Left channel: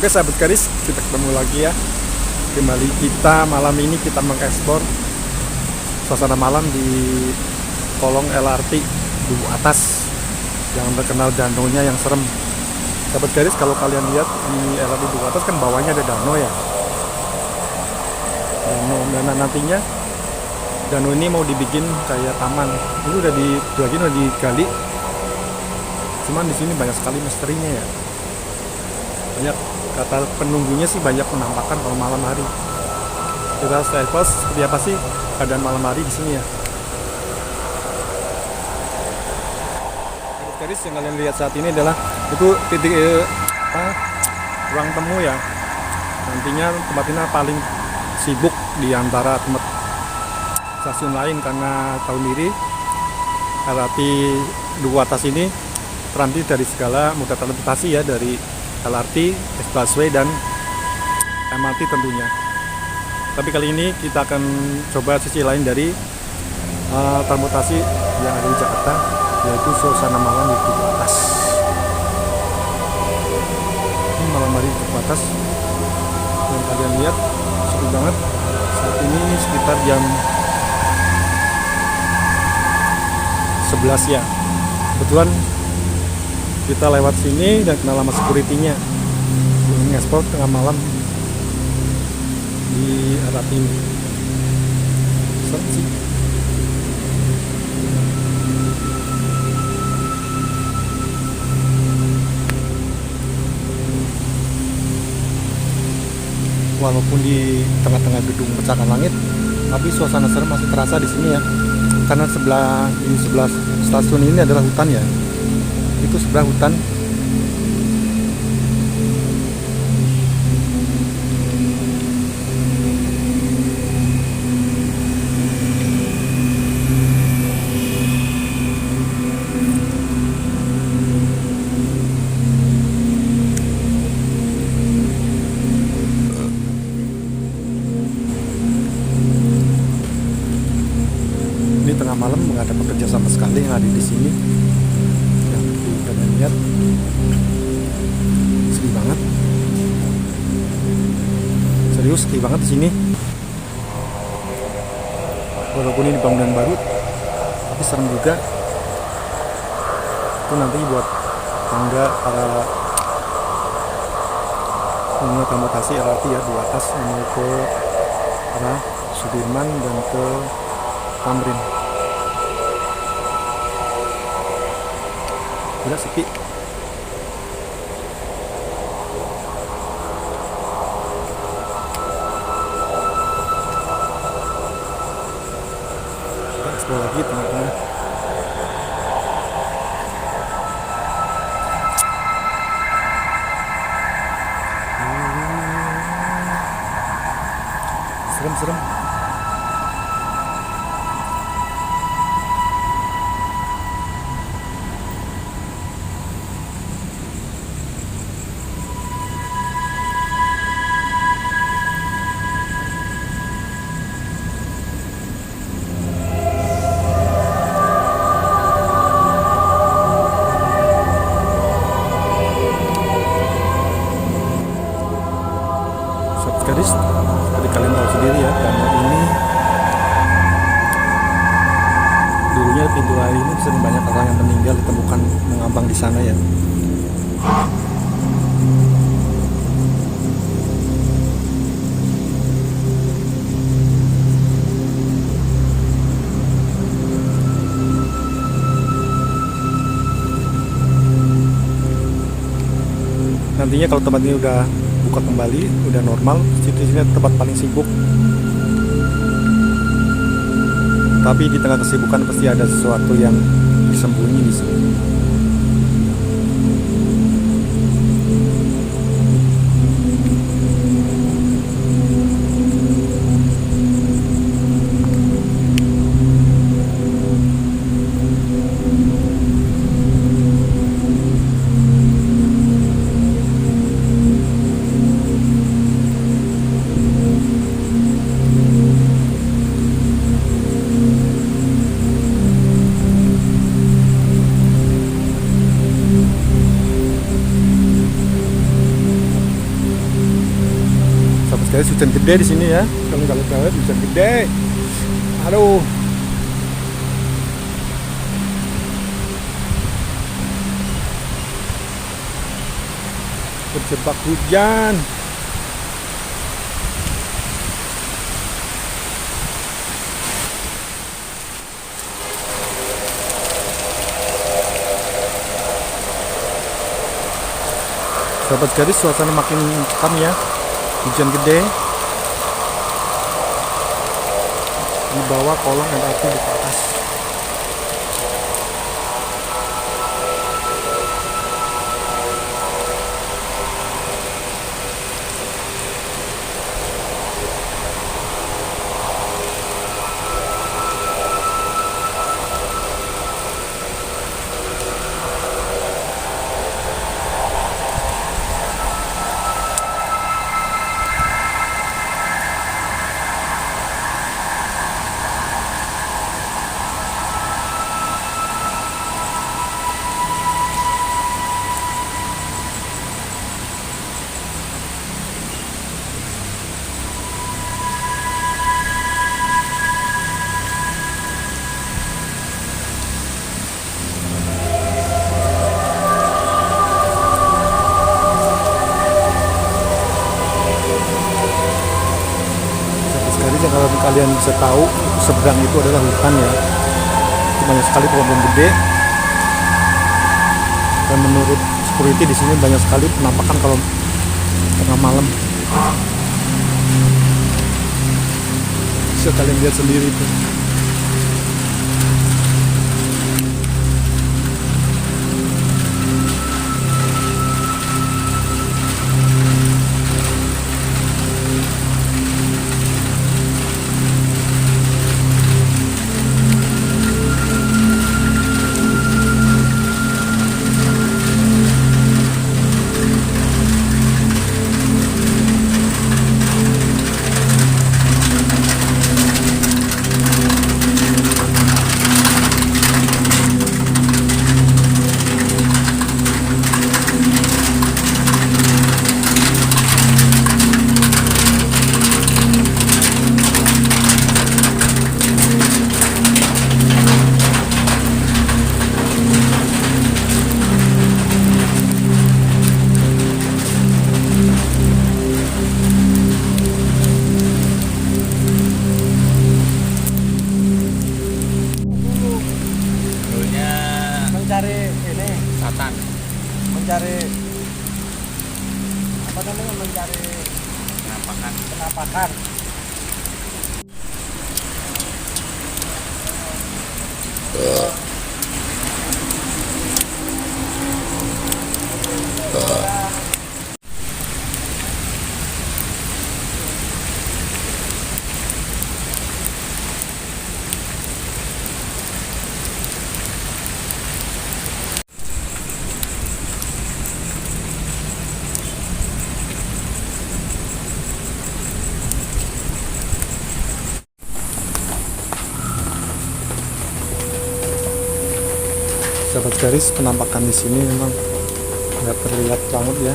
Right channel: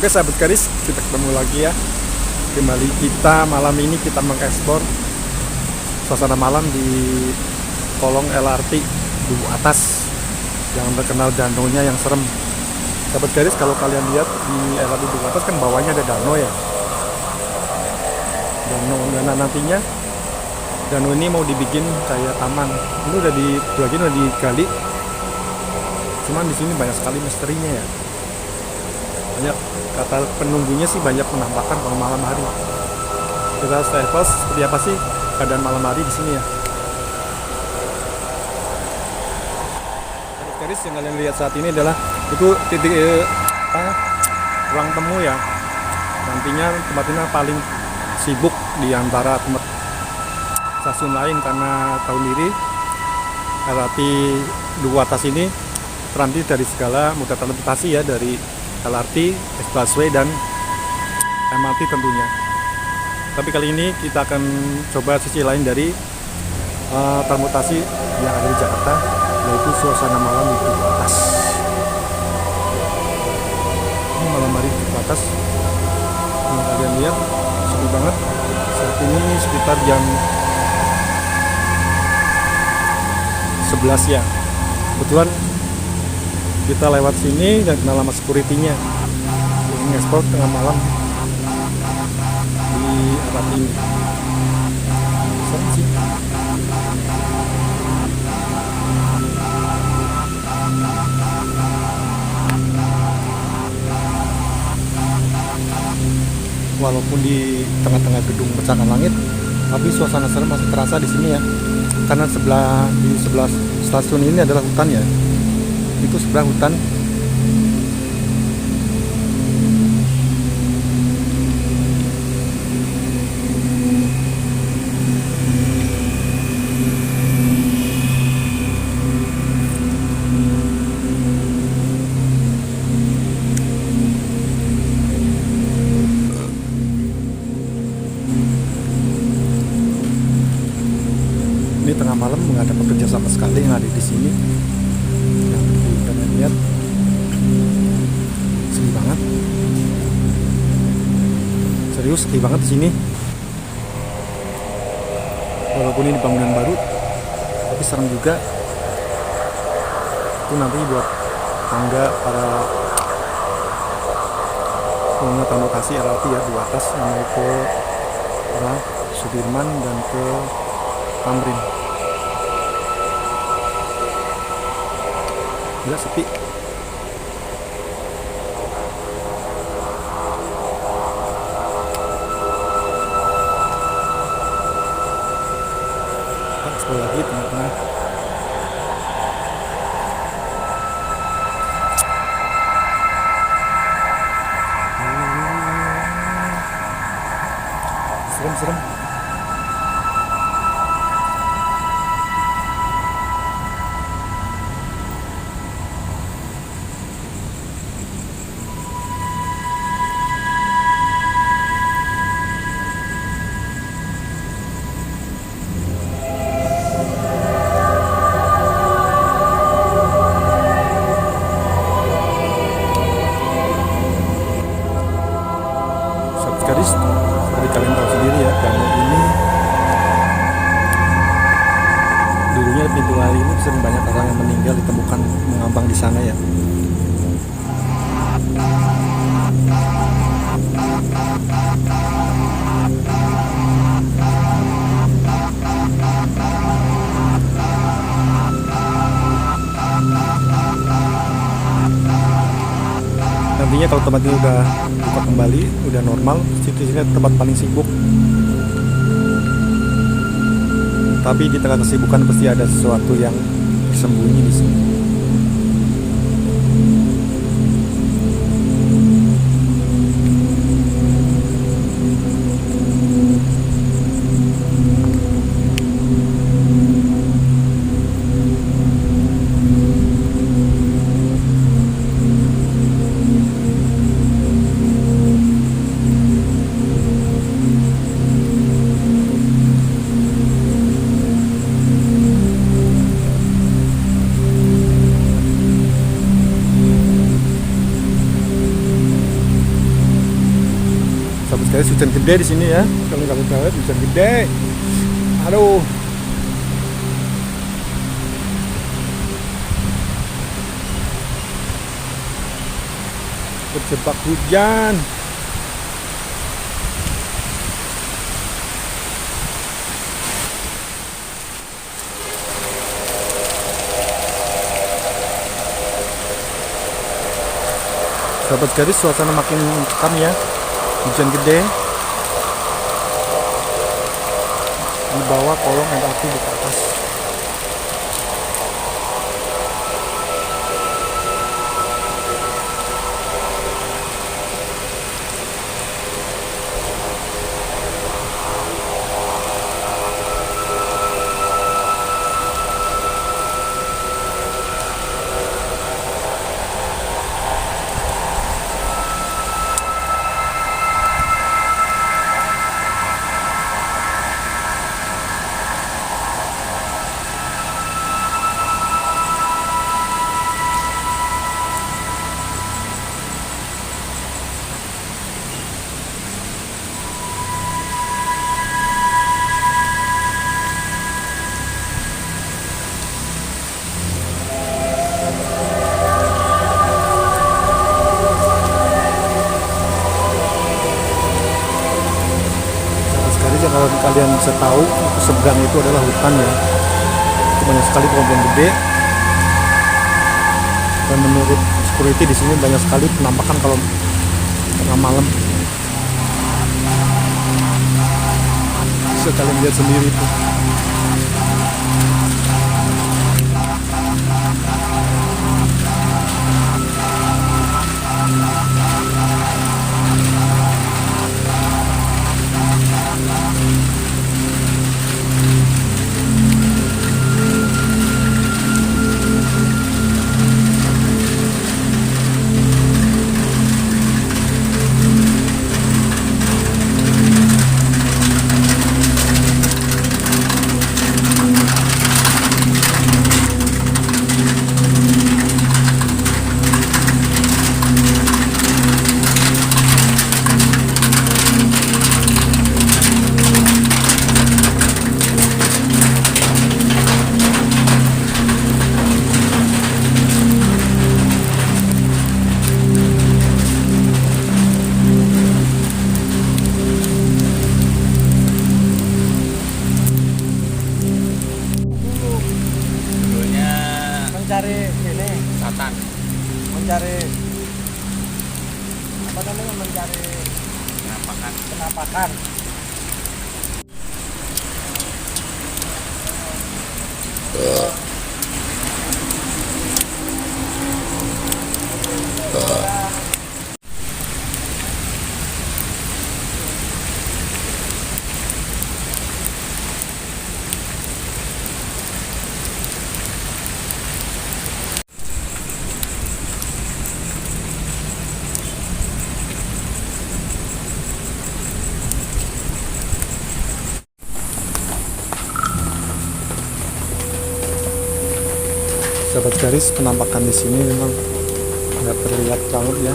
Oke sahabat garis, kita ketemu lagi ya. Kembali kita malam ini kita mengeksplor suasana malam di kolong LRT Duku Atas yang terkenal danaunya yang serem. Sahabat garis, kalau kalian lihat di LRT Duku Atas kan bawahnya ada danau ya. Dan nantinya danau ini mau dibikin kayak taman. Ini udah digali. Cuman di sini banyak sekali misterinya ya. Banyak, kata penunggunya sih banyak penampakan kalau malam hari. Kita stempel seperti apa sih keadaan malam hari di sini ya. Garis yang kalian lihat saat ini adalah itu titik ruang temu ya. Nantinya tempat ini paling sibuk di antara tempat stasiun lain karena tahun ini LRT Duku Atas ini terdiri dari segala moda transportasi ya, dari LRT, busway dan MRT tentunya. Tapi kali ini kita akan coba sisi lain dari transportasi yang ada di Jakarta, yaitu suasana malam di Duku Atas. Ini malam hari di Duku Atas yang kalian lihat seru banget. Saat ini sekitar jam 11 ya. Kebetulan kita lewat sini dan kenal sama security-nya. Ini ngesport tengah malam di arah ini. Serem sih. Walaupun di tengah-tengah gedung pencakar langit, tapi suasana serem masih terasa di sini ya. Karena di sebelah stasiun ini adalah hutan ya. Itu sebelah hutan. Ini tengah malam nggak ada pekerja sama sekali yang ada di sini. Yang kalian lihat sepi banget. Serius sepi banget di sini. Walaupun ini bangunan baru, tapi serem juga. Itu nanti buat tangga para pengguna transportasi LRT ya di atas yang mau ke arah Sudirman dan ke Tamrin. Gila sepi. Kita explore lagi tengah-tengah. Serem-serem. Garis, seperti kalian tahu sendiri ya, danau ini dulunya pintu air ini sering banyak orang yang meninggal ditemukan mengambang di sana ya. Nantinya kalau tempat ini udah buka kembali, udah normal, sini tempat paling sibuk. Tapi di tengah kesibukan pasti ada sesuatu yang tersembunyi di sini. guys, hujan gede di sini ya. Kalau nggak lihat hujan gede. Aduh. Terjebak hujan. Sahabat garis, suasana makin mencekam ya. Hujan gede. Di bawah kolong MRT di atas. Jadi kalau kalian bisa tahu, seberang itu adalah hutan ya. Itu banyak sekali pohon-pohon gede. Dan menurut security di sini banyak sekali penampakan kalau tengah malam. Bisa kalian lihat sendiri tuh. Mencari ini Satan. mencari apa namanya, mencari penampakan. Sahabat garis, penampakan di sini memang nggak terlihat banget ya.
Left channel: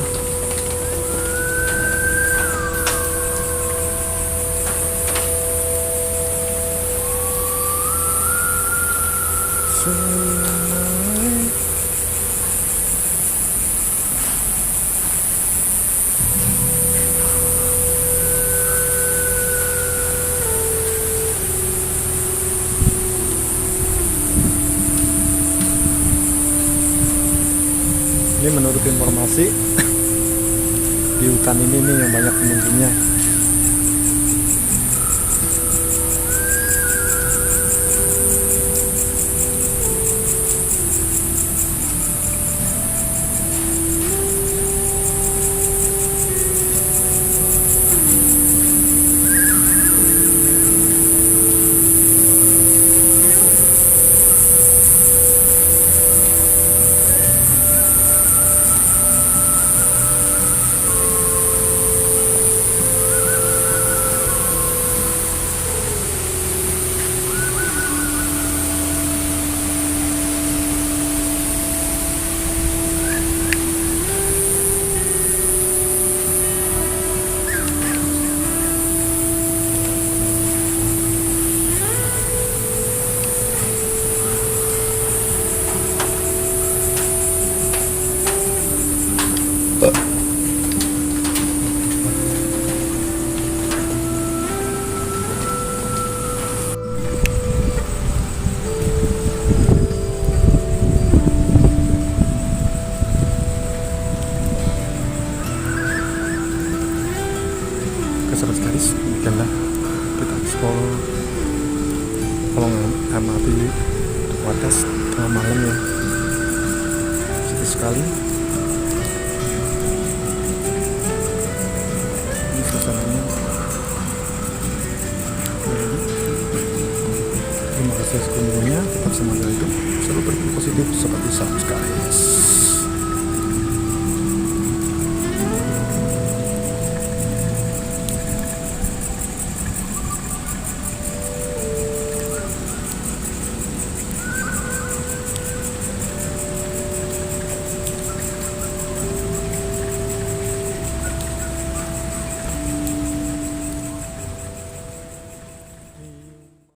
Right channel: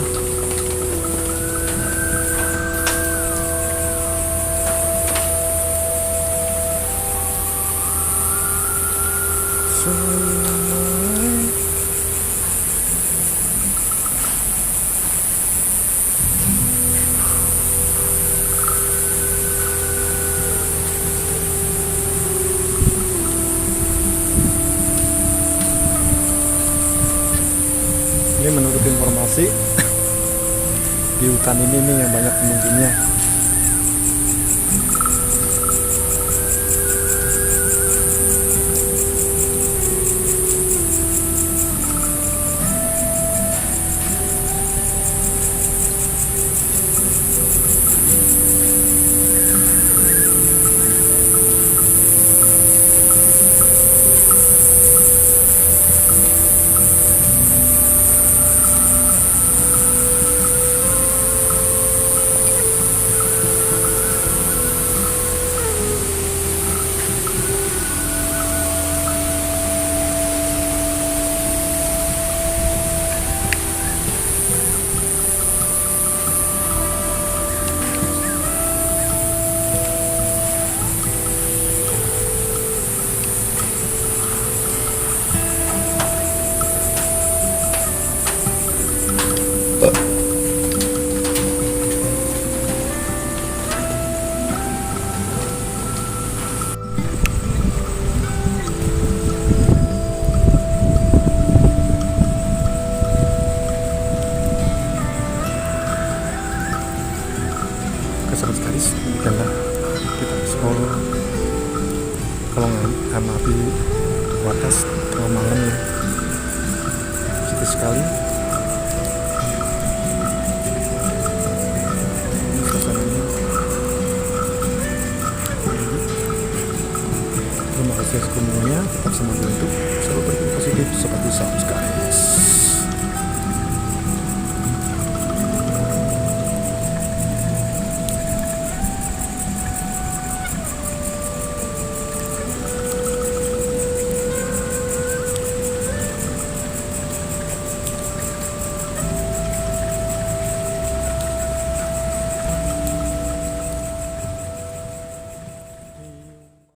Ini menurut informasi di hutan ini nih yang banyak penunggunya. kalau ngamati wadas tengah malam ya, sedih sekali. Ini suasananya. Terima kasih sekunjungnya, tetap semangat hidup, selalu berpikir positif seperti subscribe.